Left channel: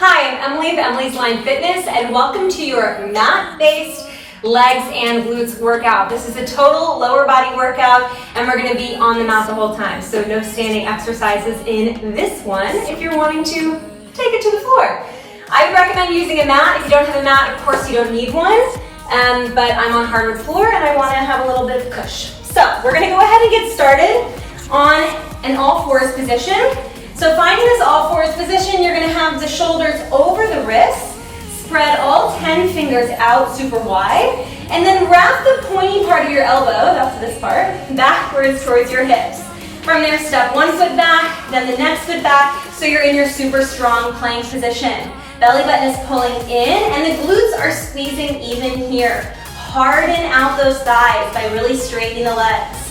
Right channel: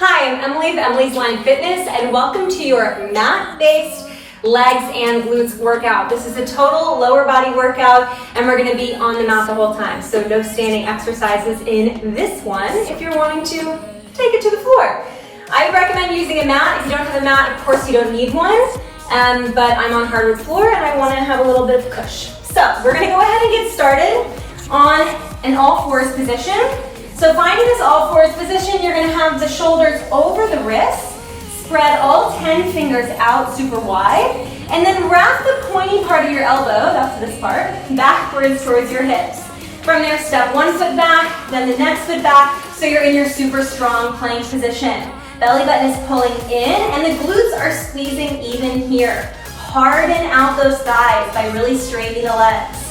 Hi, I'm Emily of Emily's Line Fitness, and welcome to your mat-based legs and glutes workout. This is a total lower body workout, and we're going to be on the mat the whole time, so no standing exercises in this one if you're wanting to take it to the floor. I would recommend using a mat. If you don't have a mat, of course you don't need one, but I'm on hardwood floor and I want to have a little bit of cush. So we're going to go ahead and get started on an all fours position. So finding this all fours position, you're going to have the shoulders over the wrists, spread all 10 fingers out super wide, and then wrap the pointy part of your elbow, that's this part, backwards towards your hips. From there, step one foot back, then the next foot back, so you're in your super strong plank position. Belly button is pulling in, and the glutes are squeezing even here. Harden out those thighs by really straightening the legs.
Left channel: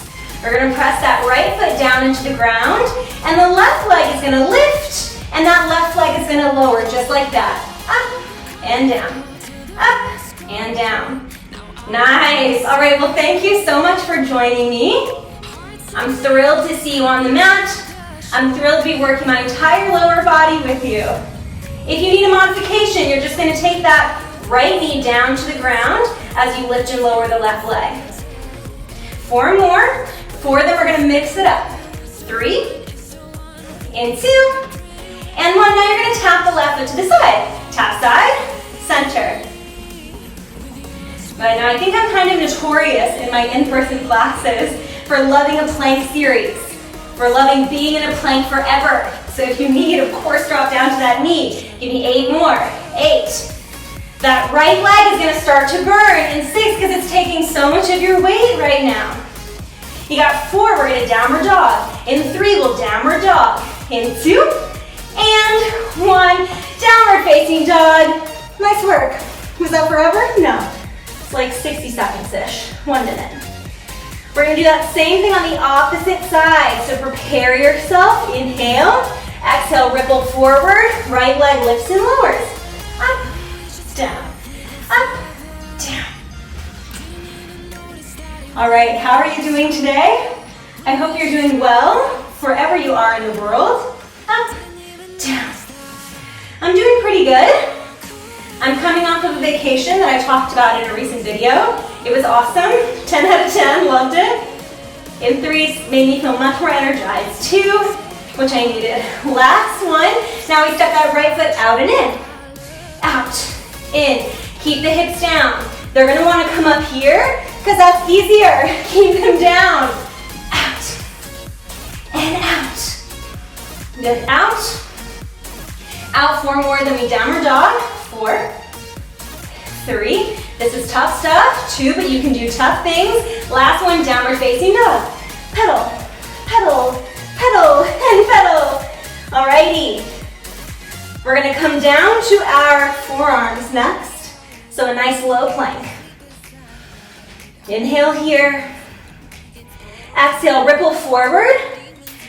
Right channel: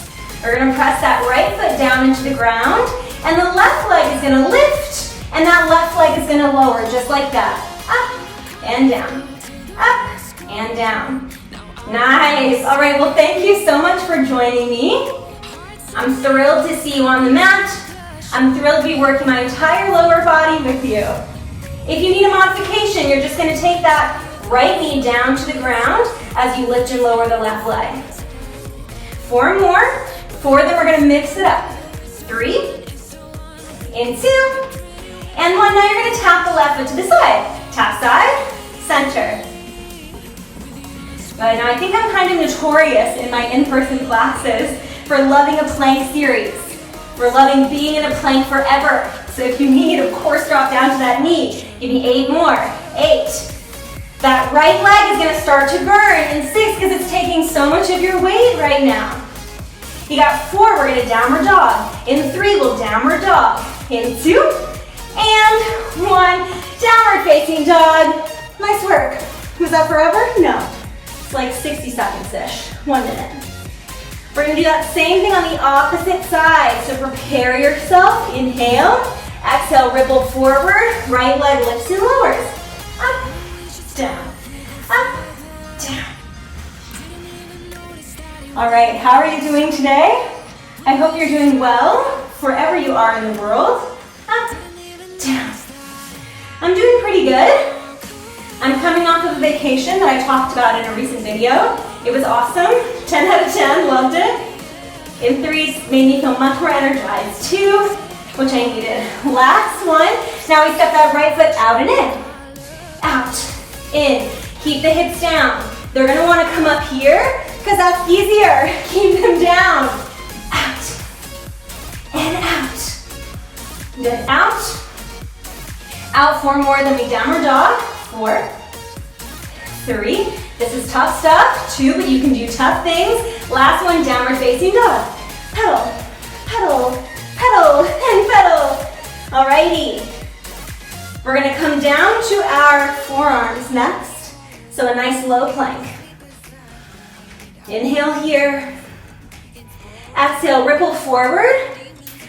We're going to press that right foot down into the ground, and the left leg is going to lift, and that left leg is going to lower just like that. Up and down, up and down. Nice. All right, well, thank you so much for joining me. I'm thrilled to see you on the mat. I'm thrilled to be working my entire lower body with you. If you need a modification, you're just going to take that right knee down to the ground as you lift and lower the left leg. 4 more. 4 of them, we're going to mix it up. 3 and 2 and 1. Now you're going to tap the left foot to the side. Tap side, center. Right now, I think I'm kind of notorious in my in-person classes for loving a plank series. For loving being in a plank forever. So if you need, of course, drop down to that knee. Give me 8 more. 8. That right leg is going to start to burn in 6 because it's taking so much of your weight right now. You got 4, we're going to downward dog. In 3, we'll downward dog. In 2, and 1, downward facing dog. Nice work. Was that forever? No. It's like 60 seconds-ish, 1 minute. We're going to do that same thing on the opposite side. So prepare yourself. Inhale. Exhale, ripple forward. Right leg lifts and lowers. Up, down, up, down. All right, how are you doing today? I hope you're doing well, wherever you are in the world. Up, down. I'm doing pretty good. I'm coming off of a vacation that I talked about in a recent video. It was awesome, 10 out of 10, loved it. In 3, it made me feel much more energized. 2, which I needed. Last one, now we step that right foot out and in. Out, in, keep the hips down. They're gonna wanna come up here, because that's easier. Keep them down. Out, and out. Then out. Out 4 more, then we downward dog. 4, 3, this is tough stuff. 2, but you can do tough things. Last one, downward facing dog. Pedal, pedal, pedal, and pedal. Alrighty. We're gonna come down to our forearms next. So a nice low plank. Inhale here. Exhale, ripple forward.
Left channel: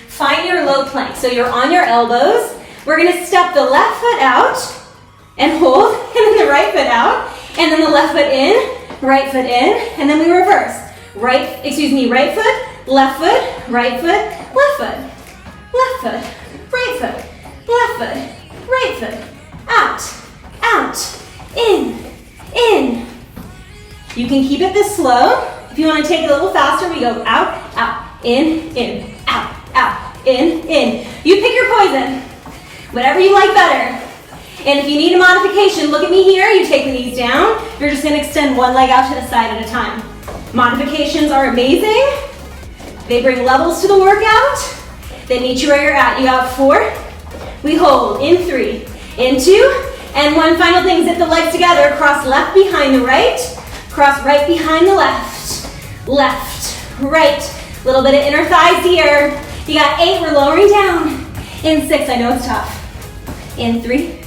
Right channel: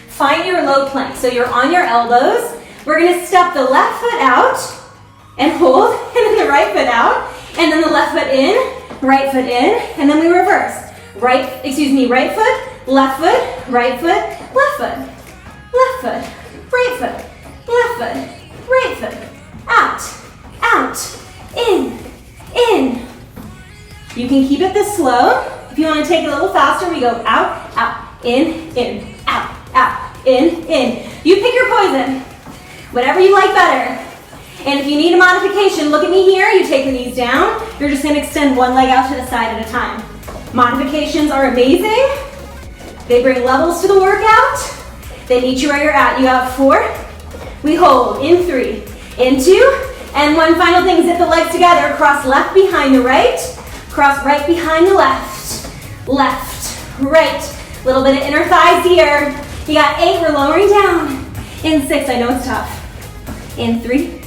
Find your low plank. So you're on your elbows. We're gonna step the left foot out and hold, and then the right foot out, and then the left foot in, right foot in, and then we reverse. Right foot, left foot, right foot, left foot, left foot, right foot, left foot, right foot, out, out, in. You can keep it this slow. If you want to take it a little faster, we go out, out, in, out, out, in. You pick your poison, whatever you like better. And if you need a modification, look at me here. You take the knees down. You're just going to extend one leg out to the side at a time. Modifications are amazing. They bring levels to the workout. They meet you where you're at. You got 4. We hold in 3, in 2, and 1 final thing. Zip the legs together. Cross left behind the right. Cross right behind the left. Left, right. A little bit of inner thighs here. You got 8. We're lowering down. In 6. I know it's tough. In 3,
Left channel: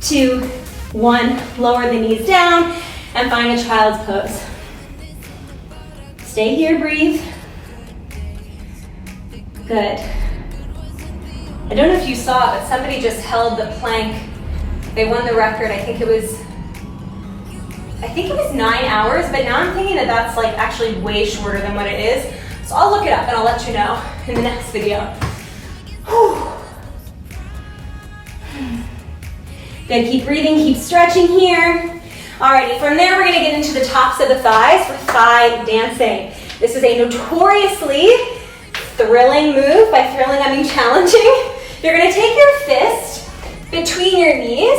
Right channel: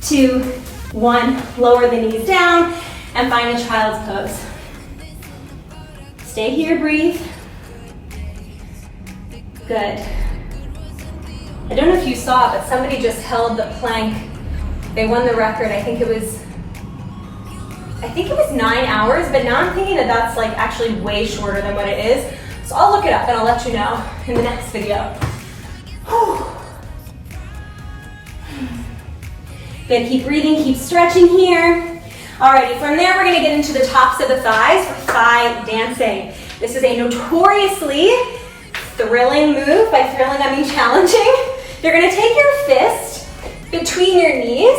2, 1. Lower the knees down and find a child's pose. Stay here, breathe. Good. I don't know if you saw it, but somebody just held the plank. They won the record. I think it was 9 hours, but now I'm thinking that that's like actually way shorter than what it is. So I'll look it up and I'll let you know in the next video. Whew. Good, keep breathing, keep stretching here. Alrighty, from there we're gonna get into the tops of the thighs for thigh dancing. This is a notoriously thrilling move. By thrilling, I mean challenging. You're gonna take your fist between your knees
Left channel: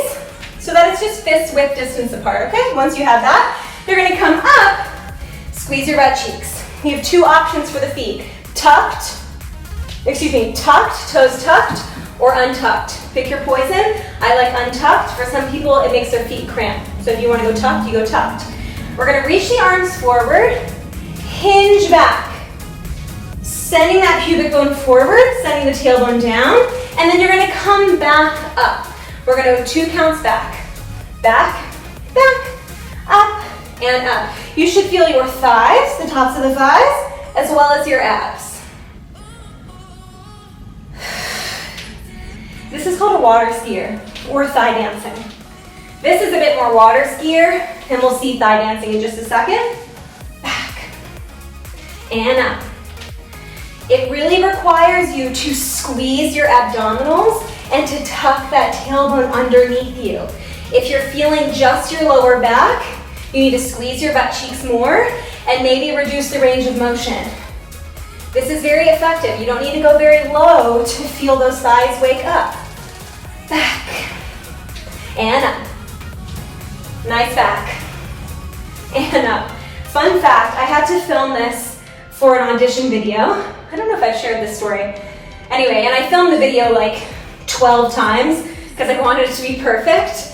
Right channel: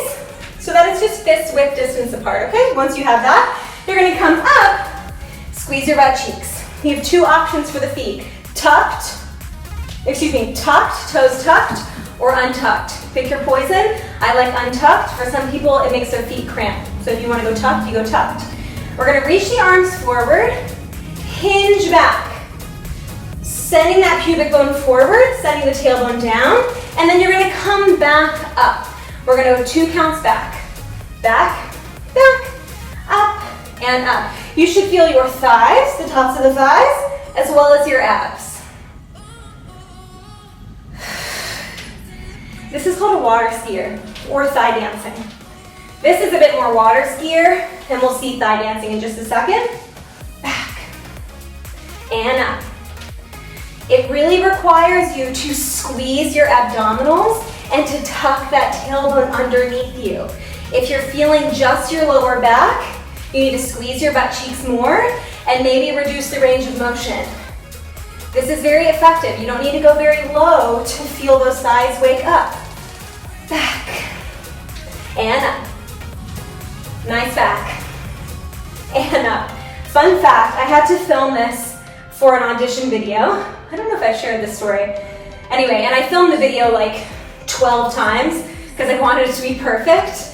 so that it's just fist width distance apart, okay? Once you have that, you're gonna come up, squeeze your butt cheeks. You have two options for the feet. Tucked, toes tucked, or untucked. Pick your poison. I like untucked. For some people, it makes their feet cramp. So if you wanna go tucked, you go tucked. We're gonna reach the arms forward, hinge back, sending that pubic bone forward, sending the tailbone down, and then you're gonna come back up. We're gonna go 2 counts back, back, up, and up. You should feel your thighs, the tops of the thighs, as well as your abs. This is called a water skier, or thigh dancing. This is a bit more water skier, and we'll see thigh dancing in just a second. Back, and up. It really requires you to squeeze your abdominals and to tuck that tailbone underneath you. If you're feeling just your lower back, you need to squeeze your butt cheeks more and maybe reduce the range of motion. This is very effective. You don't need to go very low to feel those thighs wake up. Back, and up. Nice back, and up. Fun fact, I had to film this for an audition video. I don't know if I've shared this story. Anyway, and I filmed the video like 12 times because I wanted it to be perfect.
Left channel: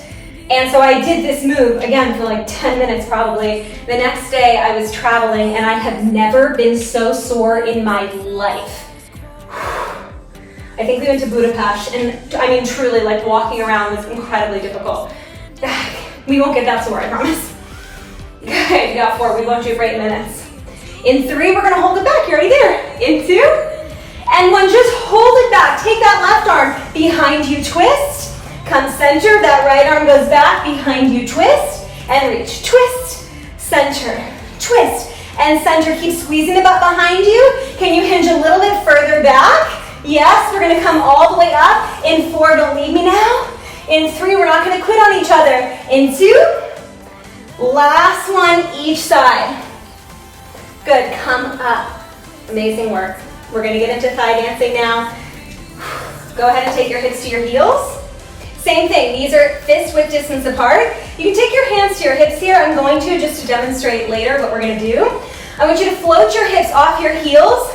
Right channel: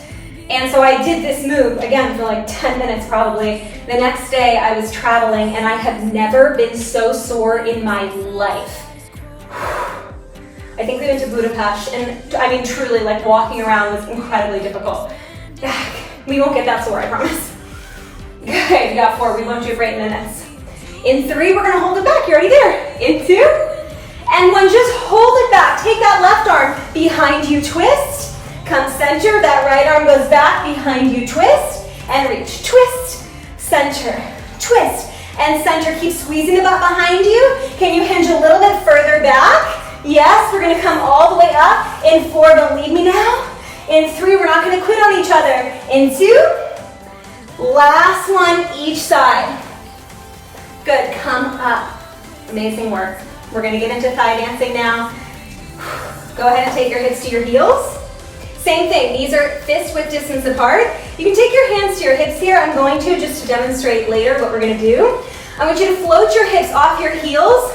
And so I did this move, again, for like 10 minutes probably. The next day I was traveling and I have never been so sore in my life. I think we went to Budapest and I mean truly like walking around was incredibly difficult. We won't get that sore, I promise. Okay, we got 4, we won't do it for 8 minutes. In 3, we're gonna hold it back, you already there. In 2, and 1, just hold it back. Take that left arm behind you, twist. Come center, that right arm goes back, behind you, twist, and reach. Twist, center, twist, and center. Keep squeezing the butt behind you. Can you hinge a little bit further back? Yes, we're gonna come all the way up. In 4, don't leave me now. In 3, we're not gonna quit on each other. In 2, last one each side. Good, come up. Amazing work. We're gonna get into thigh dancing now. Go ahead and take your hips to your heels. Same thing, these are fist width distance apart. You can take your hands to your hips here. I'm going to just to demonstrate later what we're gonna do. I want you to float your hips off your heels,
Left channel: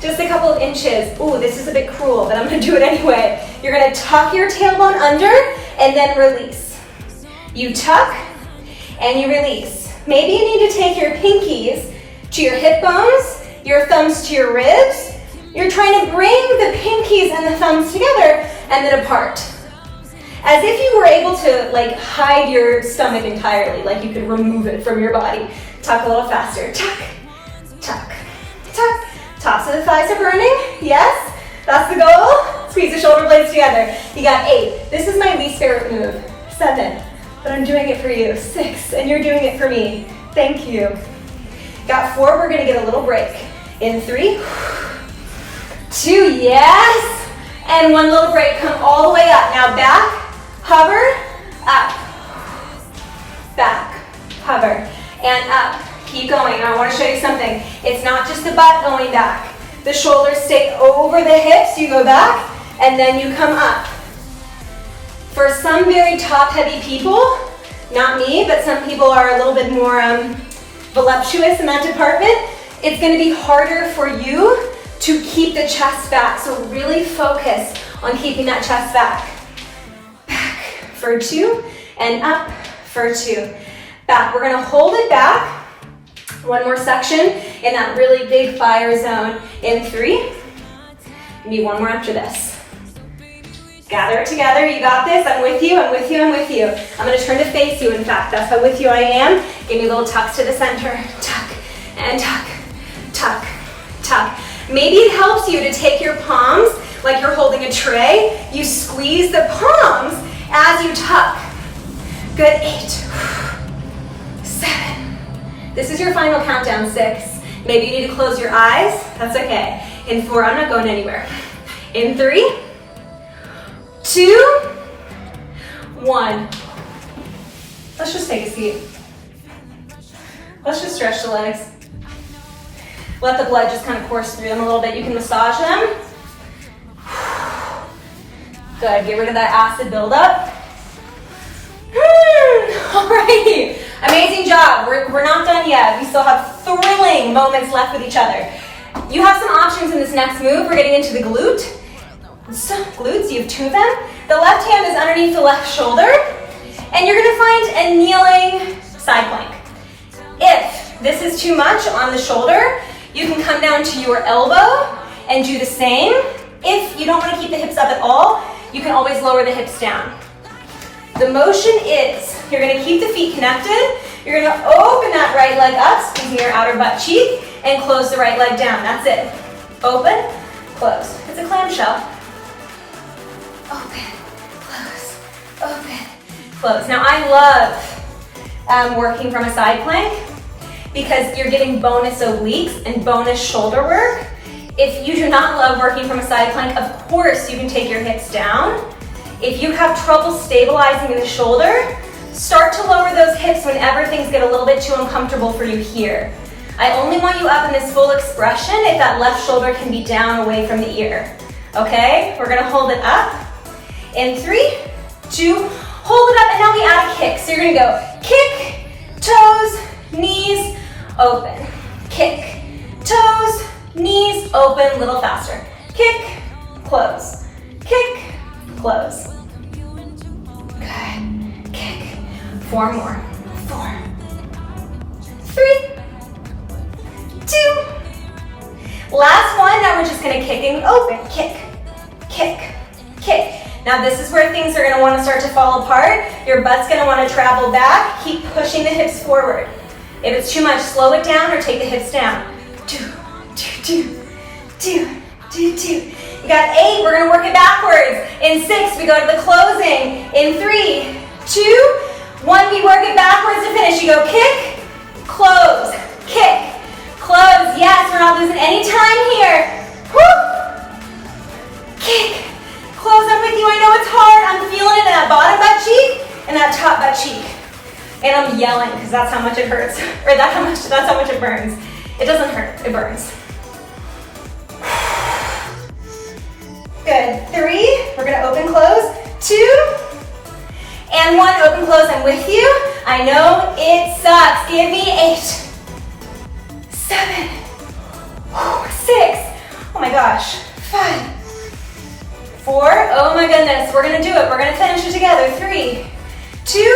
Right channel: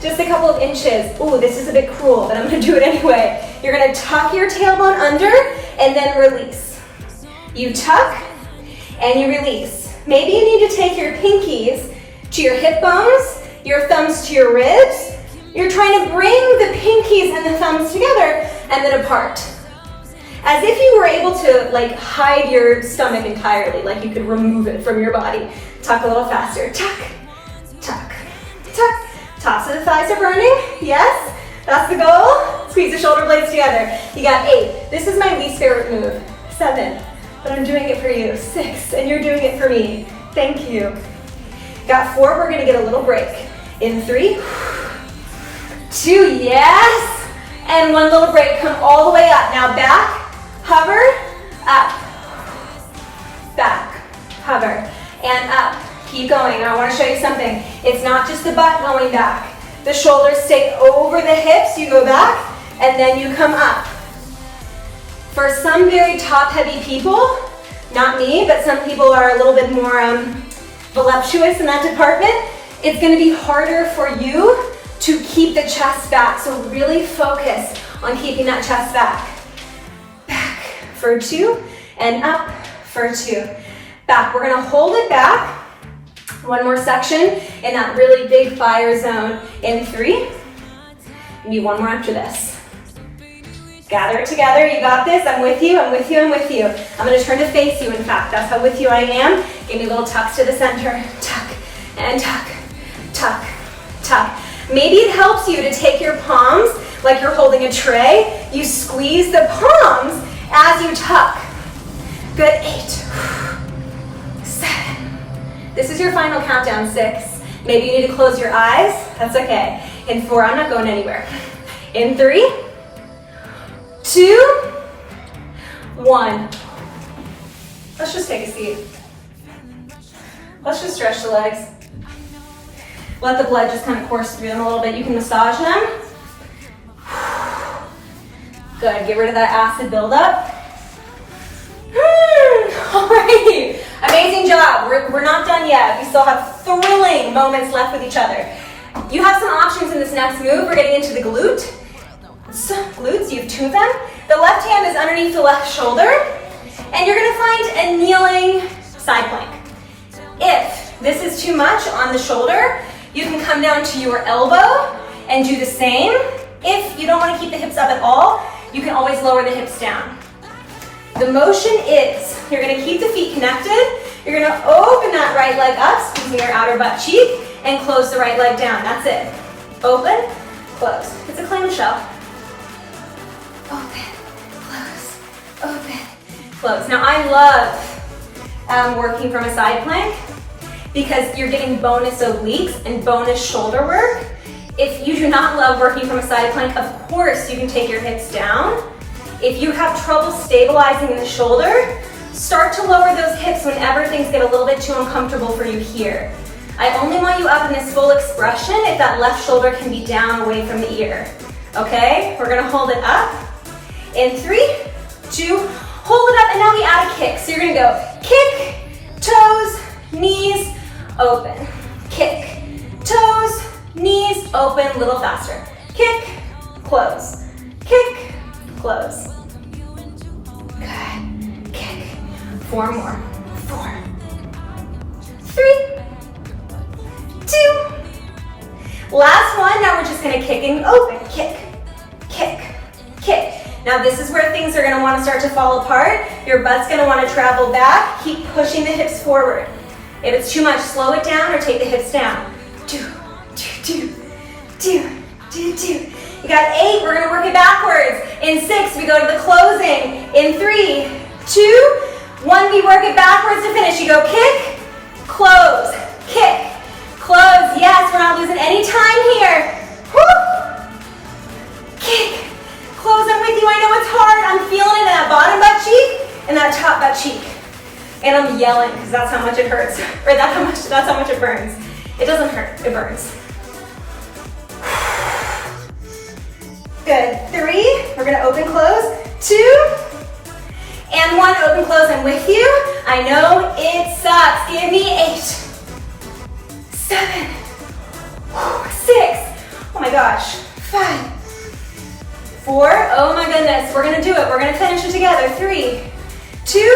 just a couple of inches. Ooh, this is a bit cruel, but I'm gonna do it anyway. You're gonna tuck your tailbone under and then release. You tuck and you release. Maybe you need to take your pinkies to your hip bones, your thumbs to your ribs. You're trying to bring the pinkies and the thumbs together and then apart. As if you were able to like hide your stomach entirely, like you could remove it from your body. Tuck a little faster. Tuck, tuck, tuck. Tops of the thighs are burning. Yes, that's the goal. Squeeze the shoulder blades together. You got 8. This is my least favorite move. 7. But I'm doing it for you. 6, and you're doing it for me. Thank you. Got 4, we're gonna get a little break. In 3, 2, yes, and 1 little break. Come all the way up. Now back, hover, up, back, hover, and up. Keep going. I wanna show you something. It's not just the butt going back. The shoulders stay over the hips, you go back, and then you come up. For some very top-heavy people, not me, but some people are a little bit more voluptuous in that department, it's gonna be harder for you to keep the chest back. So really focus on keeping that chest back. Back for 2, and up for 2. Back, we're gonna hold it back. 1 more section in that really big fire zone. In 3, maybe 1 more after this. Gather it together, you got this, I'm with you, I'm with you, I'm with you. I'm gonna turn to face you, in fact, that's how with you I am. Give me little tucks to the center. Tuck, and tuck, tuck, tuck. Maybe it helps you to take your palms like you're holding a tray. You squeeze the palms as you tuck. Good, 8, 7. This is your final countdown, 6. Maybe you need to close your eyes, that's okay. In 4, I'm not going anywhere. In 3, 2, 1. Let's just take a seat. Let's just stretch the legs. Let the blood just kind of course through them a little bit. You can massage them. Good, get rid of that acid buildup. All right, amazing job. We're not done yet. We still have thrilling moments left with each other. You have some options in this next move. We're getting into the glute. Glutes, you have 2 of them. The left hand is underneath the left shoulder, and you're gonna find a kneeling side plank. If this is too much on the shoulder, you can come down to your elbow and do the same. If you don't want to keep the hips up at all, you can always lower the hips down. The motion is, you're gonna keep the feet connected, you're gonna open that right leg up, squeezing your outer butt cheek, and close the right leg down, that's it. Open, close. It's a clamshell. Open, close, open, close. Now I love working from a side plank because you're getting bonus obliques and bonus shoulder work. If you do not love working from a side plank, of course you can take your hips down. If you have trouble stabilizing in the shoulder, start to lower those hips whenever things get a little bit too uncomfortable for you here. I only want you up in this full expression if that left shoulder can be down away from the ear. Okay, we're gonna hold it up. In 3, 2, hold it up, and now we add a kick. So you're gonna go kick, toes, knees, open. Kick, toes, knees, open, a little faster. Kick, close, kick, close. Good, kick. 4 more. 4, 3, 2. Last one, now we're just gonna kick and open. Kick, kick, kick. Now this is where things are gonna wanna start to fall apart. Your butt's gonna wanna travel back. Keep pushing the hips forward. If it's too much, slow it down or take the hips down. 2, 2, 2, 2, 2, 2. You got 8, we're gonna work it backwards. In 6, we go to the closing. In 3, 2, 1, we work it backwards to finish. You go kick, close, kick, close. Yes, we're not losing any time here. Woo! Kick, close, I'm with you. I know it's hard. I'm feeling it in that bottom butt cheek and that top butt cheek. And I'm yelling because that's how much it hurts. Or that's how much it burns. It doesn't hurt, it burns. Good, 3, we're gonna open, close, 2, and 1, open, close, I'm with you. I know it sucks. Give me 8, 7, 6, oh my gosh, 5, 4, oh my goodness, we're gonna do it. We're gonna finish it together. 3, 2,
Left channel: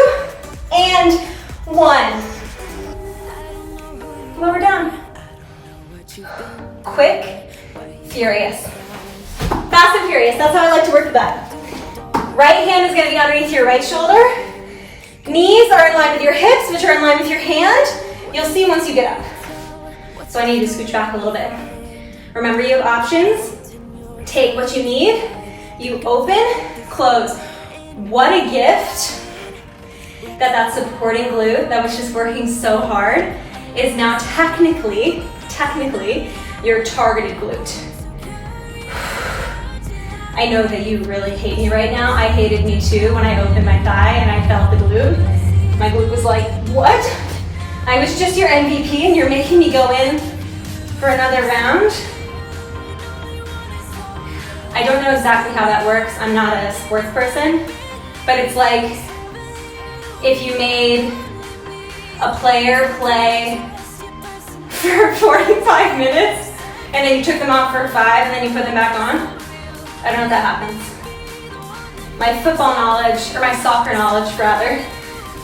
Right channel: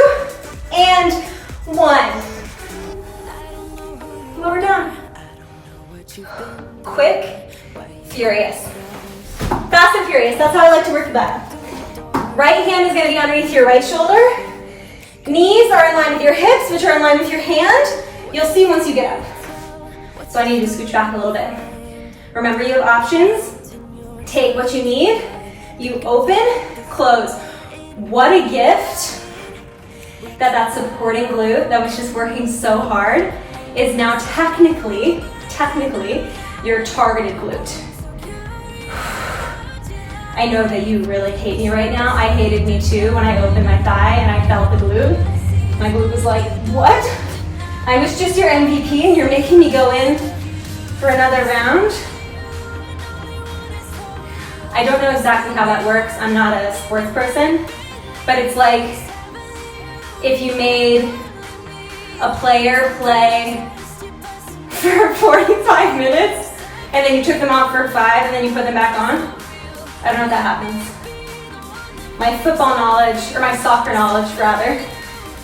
and 1. Lower down. Quick, furious. Fast and furious, that's how I like to work with that. Right hand is gonna be underneath your right shoulder. Knees are in line with your hips, which are in line with your hand. You'll see once you get up. So I need you to scooch back a little bit. Remember, you have options. Take what you need. You open, close. What a gift that supporting glute that was just working so hard is now technically your targeted glute. I know that you really hate me right now. I hated me too when I opened my thigh and I felt the glute. My glute was like, what? I was just your MVP and you're making me go in for another round? I don't know exactly how that works. I'm not a sports person, but it's like if you made a player play for 45 minutes and then you took them out for 5 and then you put them back on. I don't know if that happens. My football knowledge, or my soccer knowledge rather,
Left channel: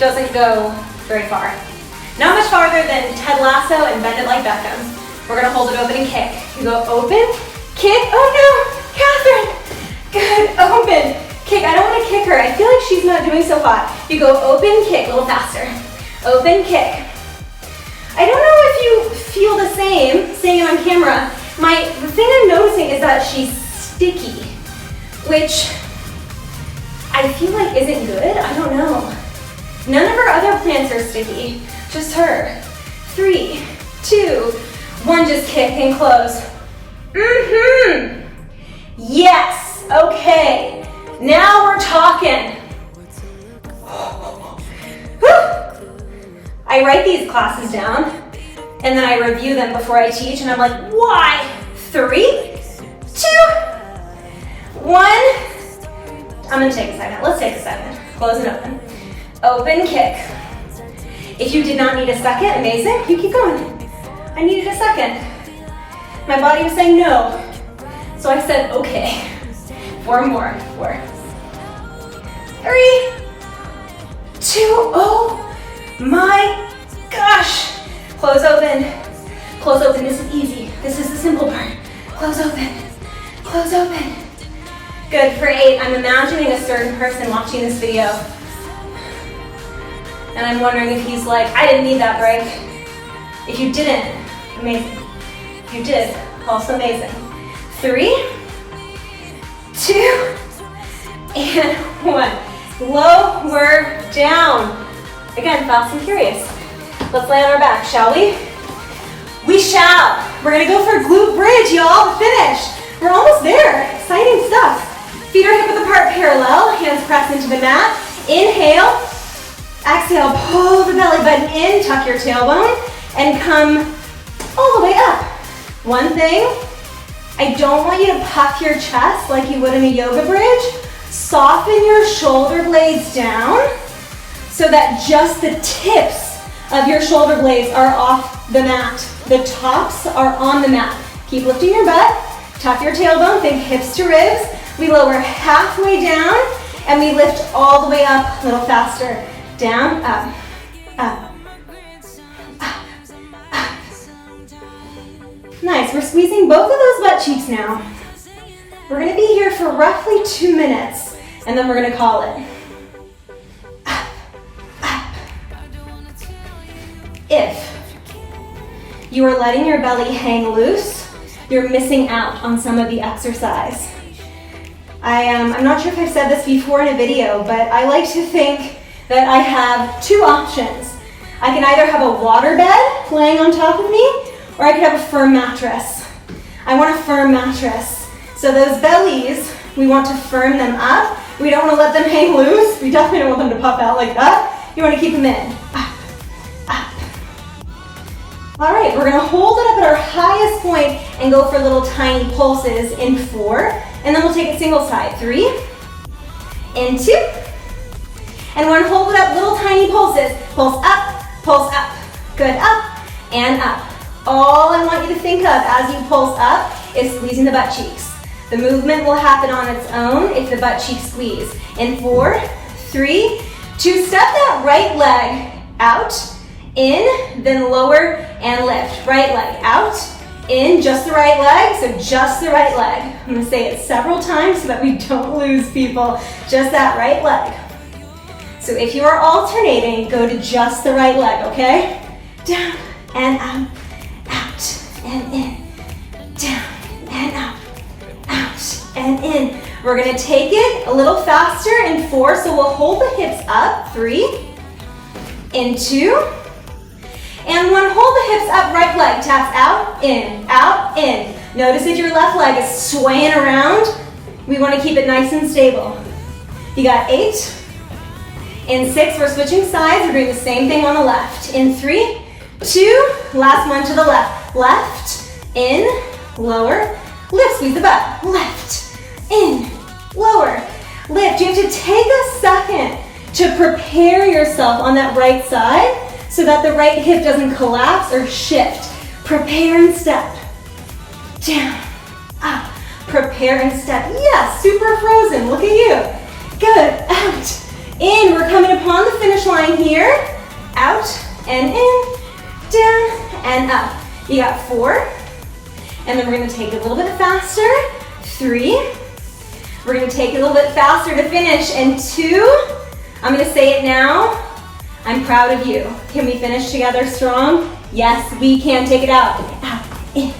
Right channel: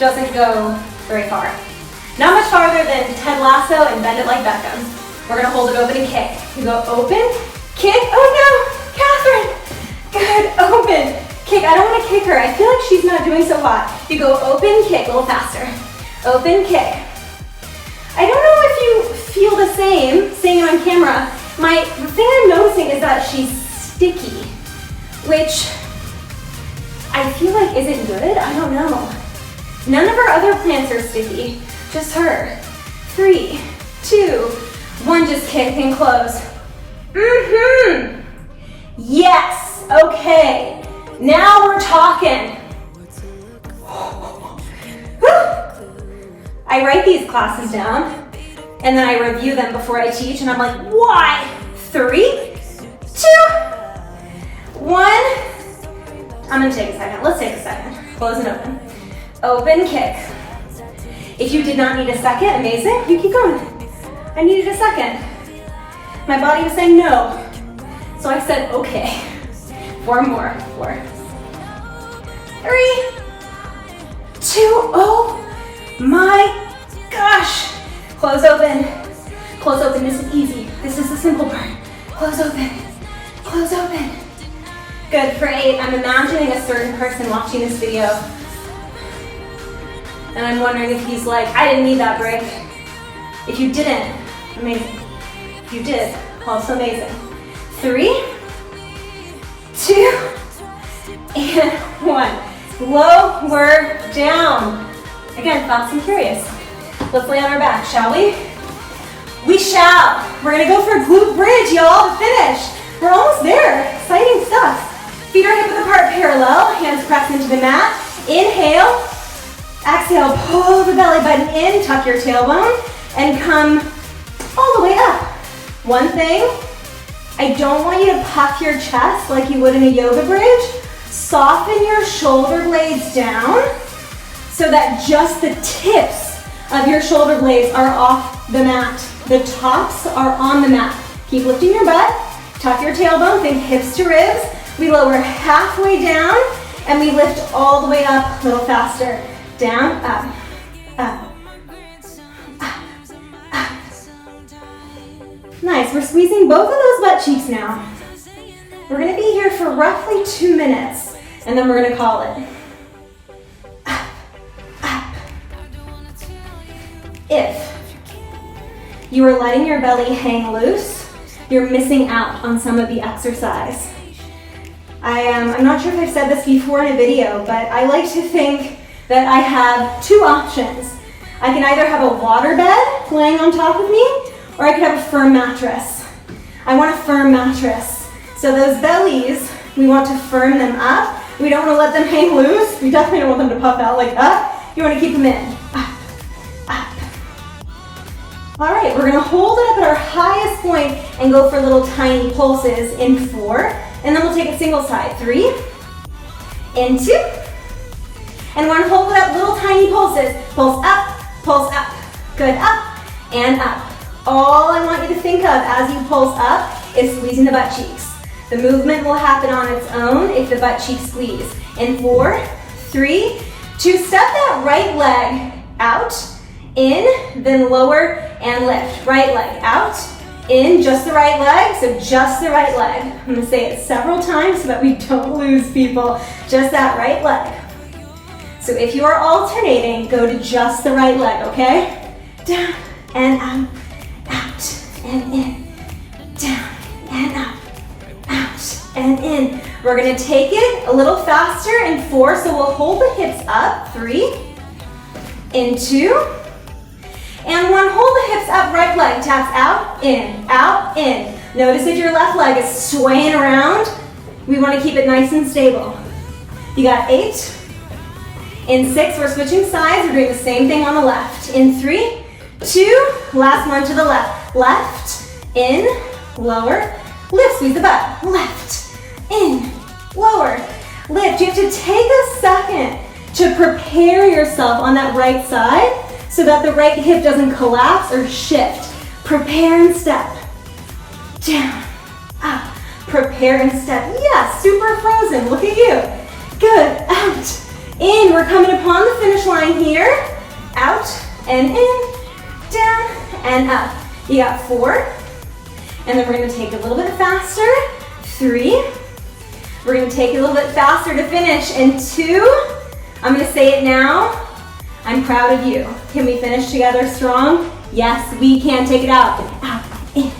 doesn't go very far. Not much farther than Ted Lasso and Bend It Like Beckham. We're gonna hold it open and kick. You go open, kick, oh no, Catherine! Good, open, kick. I don't wanna kick her. I feel like she's not doing so hot. You go open, kick, a little faster. Open, kick. I don't know if you feel the same, seeing it on camera. The thing I'm noticing is that she's sticky, which I feel like isn't good. I don't know. None of our other plants are sticky, just her. 3, 2, 1, just kick and close. Yes, okay. Now we're talking. I write these classes down and then I review them before I teach and I'm like, why? 3, 2, 1. I'm gonna take a second. Let's take a second. Close and open. Open kick. If you did not need a second, amazing. You keep going. I needed a second. My body was saying no. So I said, okay. 4 more. 4, 3, 2. Oh my gosh. Close open. Close open. This is easy. This is the simple part. Close open. Close open. Good. For 8, I'm imagining a certain person watching this video. And I'm wondering if he's like, I didn't need that break. If you didn't, amazing. If you did, also amazing. 3, 2, and 1. Lower down. Again, fast and curious. Let's lay on our back, shall we? We shall. We're gonna go for a glute bridge, y'all, to finish. We're almost there. Exciting stuff. Feet are hip width apart, parallel. Hands press into the mat. Inhale. Exhale, pull the belly button in, tuck your tailbone, and come all the way up. One thing, I don't want you to puff your chest like you would in a yoga bridge. Soften your shoulder blades down so that just the tips of your shoulder blades are off the mat. The tops are on the mat. Keep lifting your butt, tuck your tailbone, think hips to ribs. We lower halfway down and we lift all the way up a little faster. Down, up, up, up, up. Nice, we're squeezing both of those butt cheeks now. We're gonna be here for roughly 2 minutes, and then we're gonna call it. Up, up. If you are letting your belly hang loose, you're missing out on some of the exercise. I'm not sure if I've said this before in a video, but I like to think that I have 2 options. I can either have a water bed laying on top of me, or I could have a firm mattress. I want a firm mattress. So those bellies, we want to firm them up. We don't want to let them hang loose. We definitely don't want them to puff out like that. You want to keep them in. Up, up. All right, we're gonna hold it up at our highest point and go for little tiny pulses in 4, and then we'll take a single side. 3, and 2, and we're gonna hold it up, little tiny pulses. Pulse up, pulse up. Good, up and up. All I want you to think of as you pulse up is squeezing the butt cheeks. The movement will happen on its own if the butt cheeks squeeze. In 4, 3, 2, step that right leg out, in, then lower and lift. Right leg out, in, just the right leg, so just the right leg. I'm gonna say it several times so that we don't lose people. Just that right leg. So if you are alternating, go to just the right leg, okay? Down and up, out and in, down and up, out and in. We're gonna take it a little faster in 4, so we'll hold the hips up. 3, in 2, and one, hold the hips up, right leg taps out, in, in. Notice if your left leg is swaying around, we wanna keep it nice and stable. You got 8, in 6, we're switching sides, we're doing the same thing on the left. In 3, 2, last one to the left. Left, in, lower, lift, squeeze the butt. Left, in, lower, lift. You have to take a second to prepare yourself on that right side so that the right hip doesn't collapse or shift. Prepare and step. Down, up, prepare and step. Yes, super frozen, look at you. Good, out. In, we're coming upon the finish line here. Out and in, down and up. You got 4, and then we're gonna take a little bit faster. 3, we're gonna take a little bit faster to finish. And 2, I'm gonna say it now, I'm proud of you. Can we finish together strong? Yes, we can. Take it out. Out, in,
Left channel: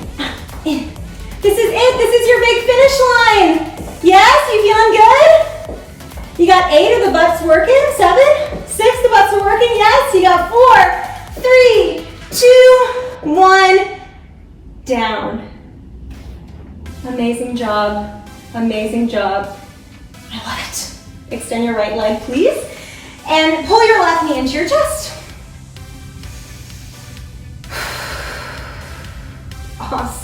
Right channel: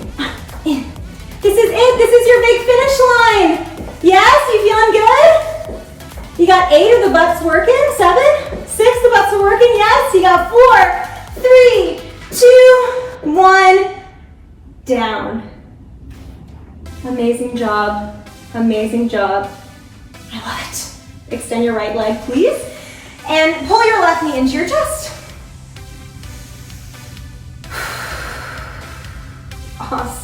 in. This is it, this is your big finish line. Yes, you feeling good? You got 8 of the butts working, 7, 6, the butts are working, yes. You got 4, 3, 2, 1, down. Amazing job, amazing job. I love it. Extend your right leg, please. And pull your left knee into your chest.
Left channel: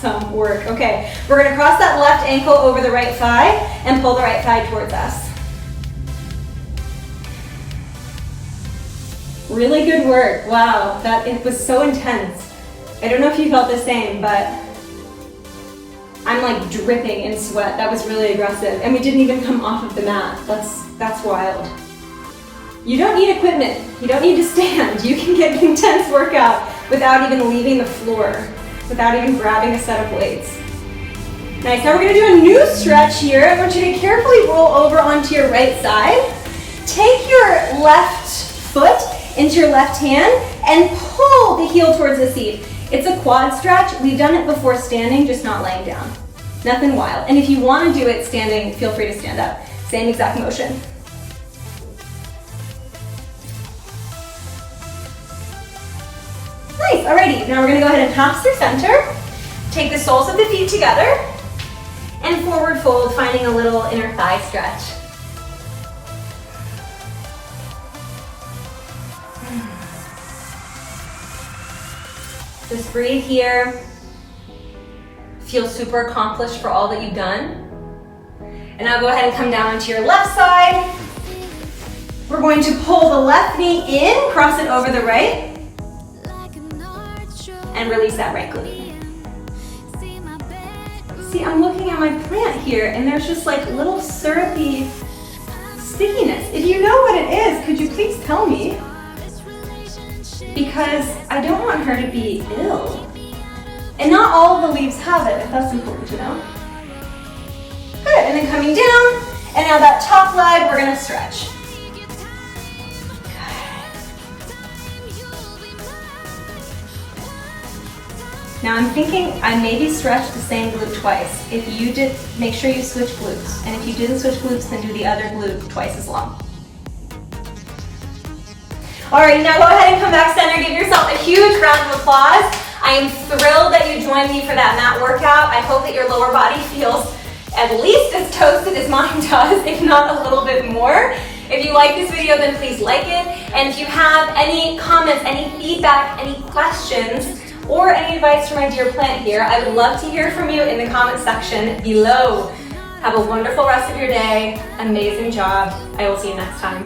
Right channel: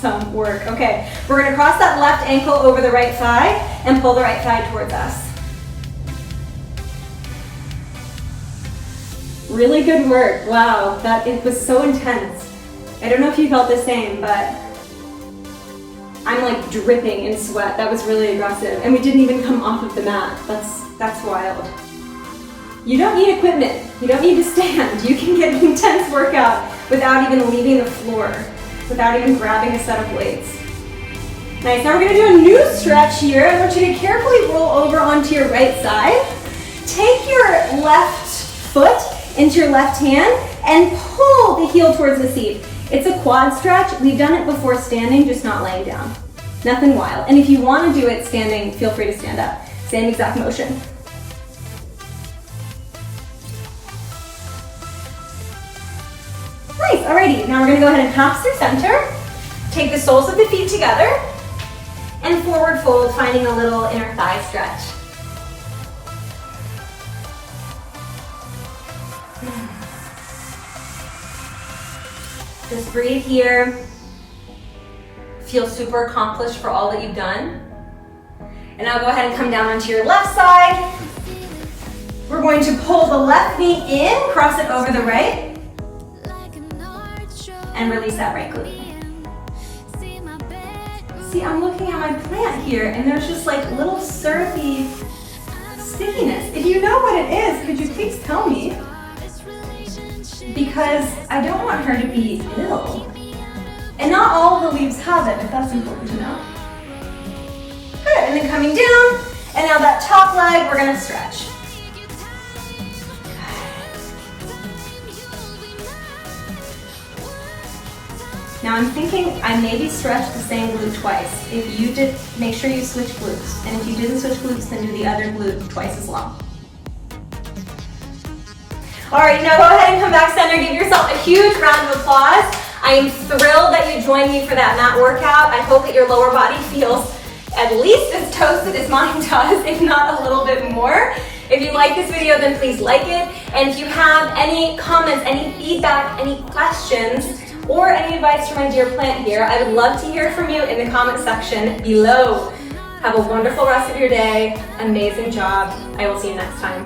Awesome work. Okay, we're gonna cross that left ankle over the right thigh and pull the right thigh towards us. Really good work. Wow, it was so intense. I don't know if you felt the same, but I'm like dripping in sweat. That was really aggressive. And we didn't even come off of the mat. That's wild. You don't need equipment. You don't need to stand. You can get an intense workout without even leaving the floor, without even grabbing a set of weights. Nice, now we're gonna do a new stretch here. I want you to carefully roll over onto your right side. Take your left foot into your left hand and pull the heel towards the seat. It's a quad stretch. We've done it before standing, just not laying down. Nothing wild. And if you want to do it standing, feel free to stand up. Same exact motion. Nice, alrighty. Now we're gonna go ahead and pass through center. Take the soles of the feet together and forward fold, finding a little inner thigh stretch. Just breathe here. Feel super accomplished for all that you've done. And now go ahead and come down onto your left side. We're going to pull the left knee in, cross it over the right, and release that right glute. See, I'm looking at my plant here, and there's just like little syrupy stickiness. If you know what it is, could you please tell me? Because I don't want her to be ill. And not all of the leaves have it, if that's important to know. Good, and then coming down, and now that top leg, we're gonna stretch. Now I'm thinking I maybe stretched the same glute twice. If you did, make sure you switch glutes. And if you didn't switch glutes, then do the other glute twice as long. All right, now go ahead and come back center. Give yourself a huge round of applause. I am thrilled that you joined me for that mat workout. I hope that your lower body feels at least as toasted as mine does, if not a little bit more. If you like this video, then please like it. And if you have any comments, any feedback, any questions, or any advice for my dear plant here, I would love to hear from you in the comment section below. Have a wonderful rest of your day. Amazing job. I will see you next time.